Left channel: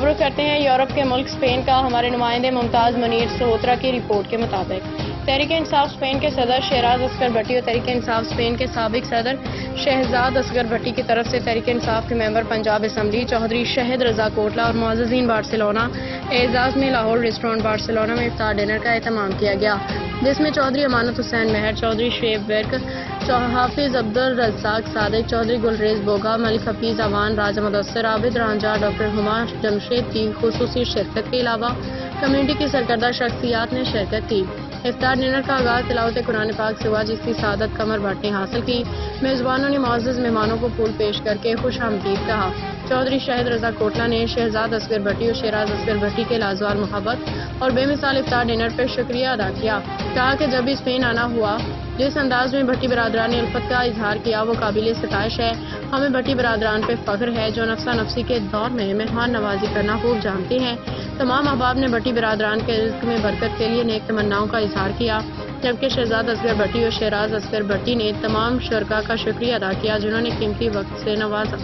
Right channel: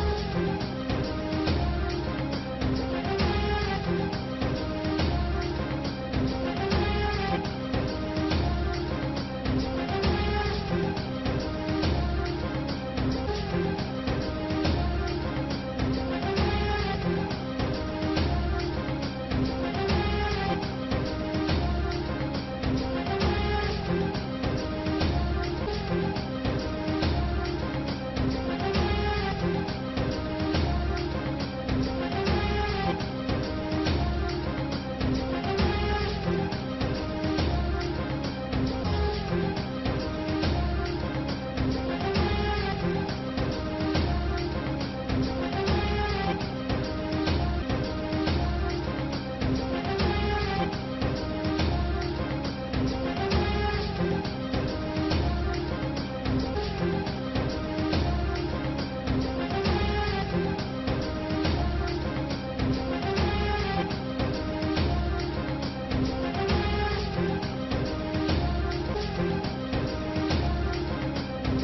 اب رخ کرتے ہیں یورپ کے ملک اسپین کا۔ ہمارے نمائندے ممتاز منیر سلہوترا کی رپورٹ کے مطابق تحریک انصاف اسپین کے صدر شہراز اصغر بھٹی اور تحریک انصاف اسپین کے سابق صدر شہزاد اصغر بھٹی کی طرف سے تحریک انصاف کے ممبر پنجاب اسمبلی چودھری شہد رضا کوٹلہ اور معززین بارسلونا اعزاز میں لاہور ریسٹورانٹ بارسلونا میں افطار ڈنر کا اہتمام کیا گیا، جس میں چودھری امانت حسین مہر، چودھری شعیب ورک، حافظ عبدالرزاق صادق، چودھری گلریز بوگا، ملک حفیظ اوان، راجہ مدثر، عابد رانجھا، ڈاکٹر ہما جمشید کی خصوصی شرکت کے علاوہ کمیونٹی کی سرکردہ شخصیات نے شرکت کی۔ افطار ڈنر کا آغاز تلاوت قرآن پاک سے ہوا، جس کی سعادت قمر بھٹ نے حاصل کی۔ میزبانوں نے معزز مہمانوں کو پھول پیش کر کے خوش آمدید کہا۔ چودھری شہد رضا کوٹلہ نے شہزاد اصغر بھٹی اور شیراز اصغر بھٹی کے لازوال محبت اور بے مثال افطار ڈنر پر شکریہ ادا کیا۔ کہا کہ جب بھی اسپین آنا ہوا، جس انداز میں بھٹی برادران نے الفت کا اظہار کیا وہ قابل ستائش ہے۔ ہمیں بھٹی برادران پہ فخر ہے جو نفسا نفسی کے دور میں مہمان نوازی کرنا خوب جانتے ہیں۔ تمام احباب نے بھٹی برادران کے رزق میں برکت کے لیے نیک تمناؤں کا اظہار کیا، جبکہ شہزاد اصغر بھٹی اور شیراز اصغر بھٹی نے تمام شرکاء کا شکریہ ادا کیا جنہوں نے قیمتی وقت سے نوازا۔